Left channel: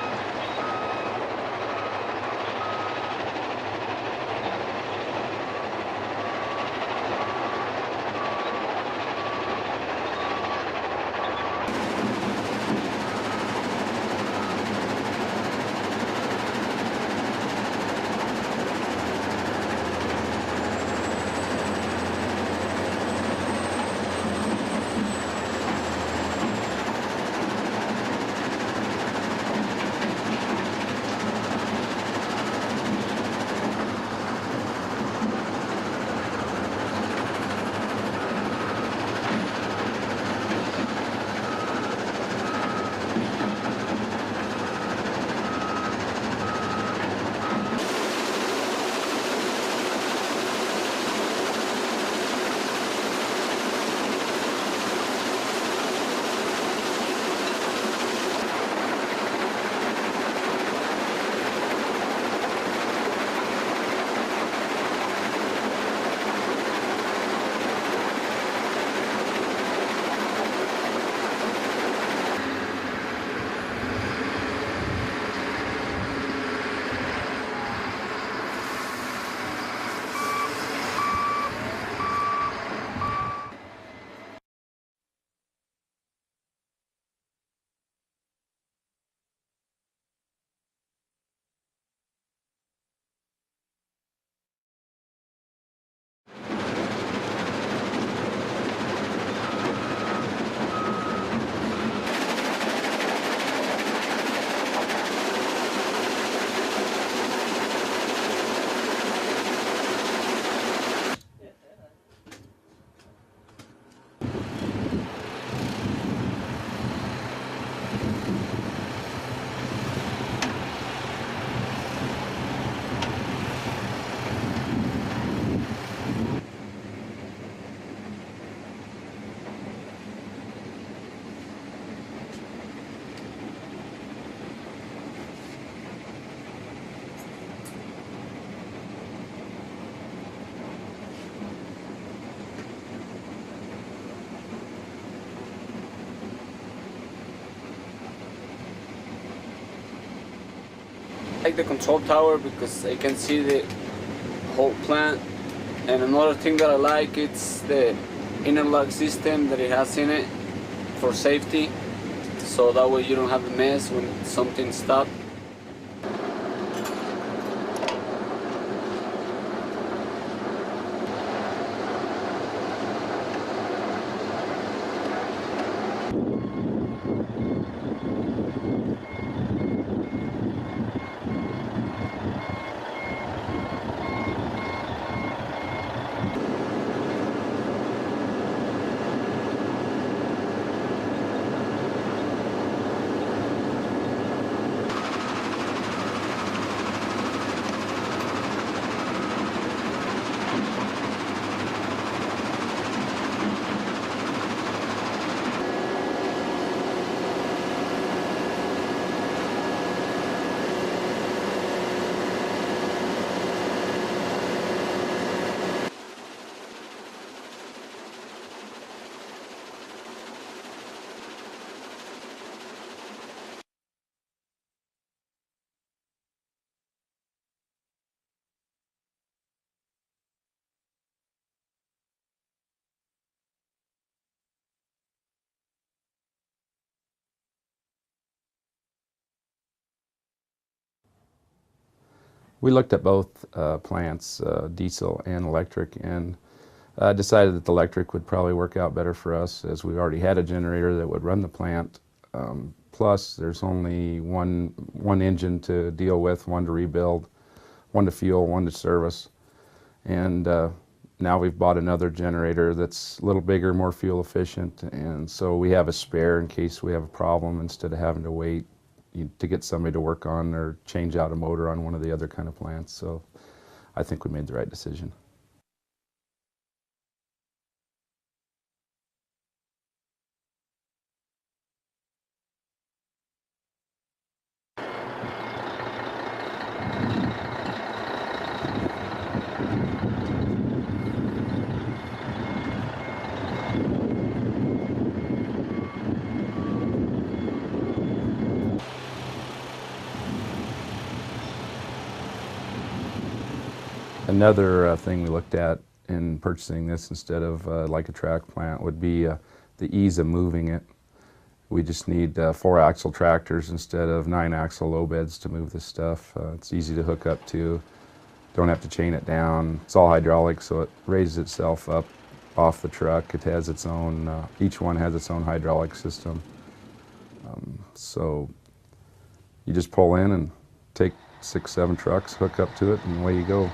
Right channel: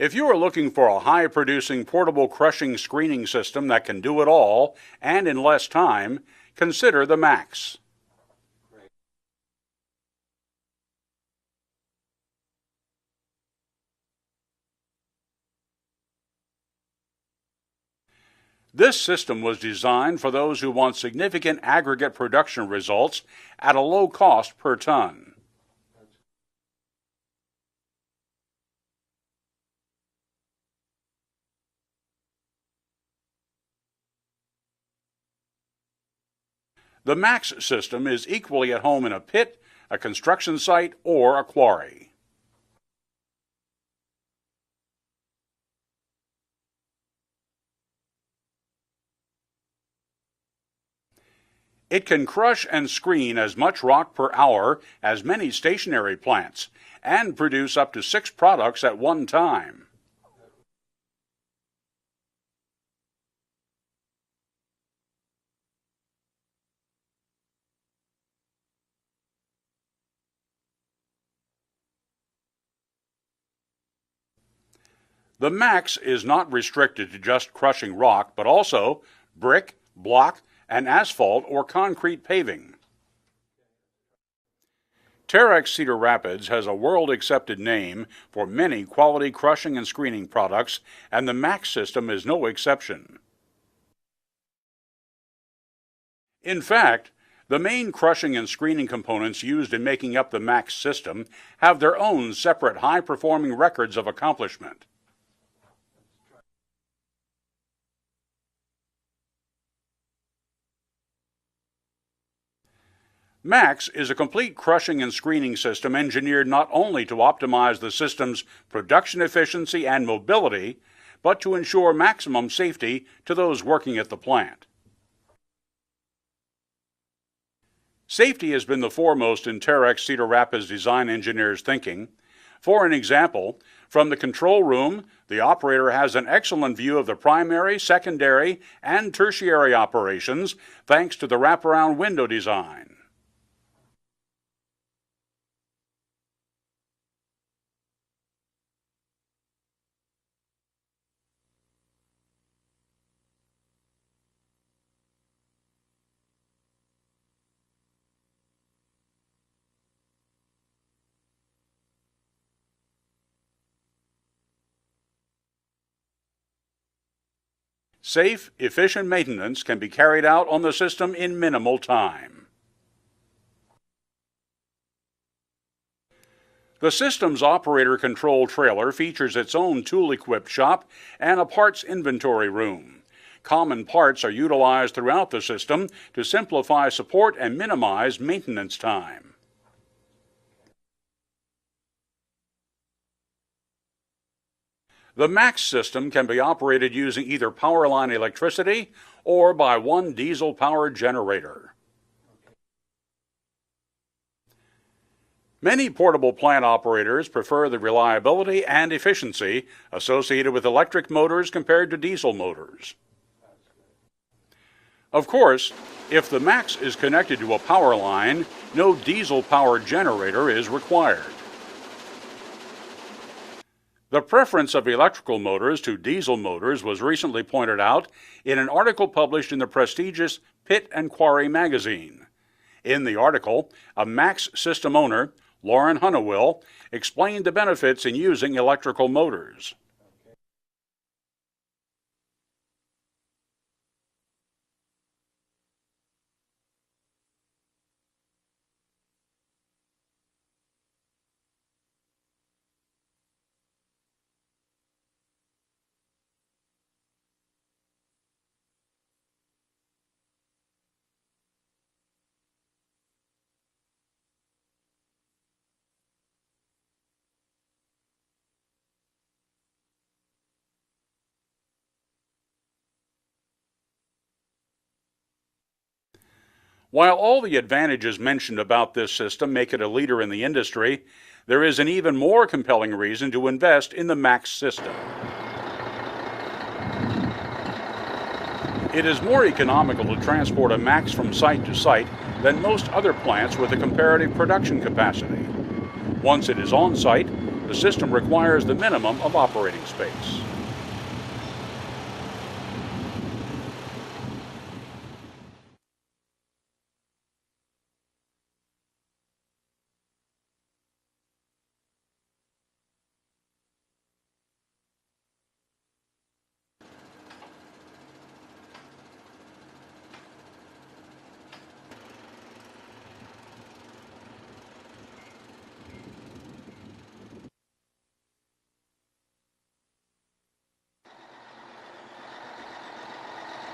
If you are looking for a high-producing portable crushing screening system that can do it all and in less time, consider the MACS. This system was designed for those who want significant aggregate production results at a low cost per ton. The MACS system is equally at home in a pit, a construction site, or a quarry. It can crush and screen as much rock per hour as many stationary plants and produce up to 6 products at one time. The MACS is not restricted to just crushing rock, but also brick, block, and asphalt or concrete paving. Terex Cedar Rapids has a world-accepted name for many quality crushing and screening products, and the MACS system is no exception. In fact, the main crushing and screening components used in making up the MACS system have their own separate high-performing records of accomplishment. MACS is a complete crushing and screening system engineered not only to optimize the system's production efficiency and mobility, but to ensure maximum safety to those working at the plant. Safety has been the foremost in Terex Cedar Rapids design engineers' thinking. For an example, from the control room, the operator has an excellent view of the primary, secondary, and tertiary operations thanks to the wraparound window design. I like the control tower because I can see the whole plant, and another thing that I like is the interlock system that it has in it for safety, so that way you don't have a mess when something stops. Safe, efficient maintenance can be carried out on the system in minimal time. The system's operator control trailer features its own tool-equipped shop and a parts inventory room. Common parts are utilized throughout the system to simplify support and minimize maintenance time. The MACS system can be operated using either power line electricity or by one diesel-powered generator. Many portable plant operators prefer the reliability and efficiency associated with electric motors compared to diesel motors. Of course, if the MACS is connected to a power line, no diesel-powered generator is required. The preference of electrical motors to diesel motors was recently pointed out in an article published in the prestigious Pit and Quarry magazine. In the article, a MACS system owner, Lauren Hunnewell, explained the benefits in using electrical motors. We looked at both plants, diesel and electric, and decided that the electric would probably work out better for us, as we already had a generator that would run the plant. Plus, there's only one engine to deal with, one to rebuild, one to fuel, one to service. And now we've bought another generator that's a little bigger, more fuel efficient, and so we have a spare in case we have a problem instead of having to wait to get somebody to work on or change out a motor on one of the other kind of plants. So I think we made the right decision. While all the advantages mentioned about this system make it a leader in the industry, there is an even more compelling reason to invest in the MACS system. It is more economical to transport a MACS from site to site than most other plants with a comparative production capacity. Once it is on site, The system requires the minimum of operating space. Another thing we looked at in purchasing this instead of like a track plant would be the ease of moving it. We just need 4-axle tractors instead of 9-axle low beds to move this stuff. It's easy to hook up to. Don't have to chain it down. It's all hydraulic, so it raises itself up off the truck. It has its own, each one has its own hydraulic system. So you just pull in and take 6, 7 trucks, hook up to it, and away you go.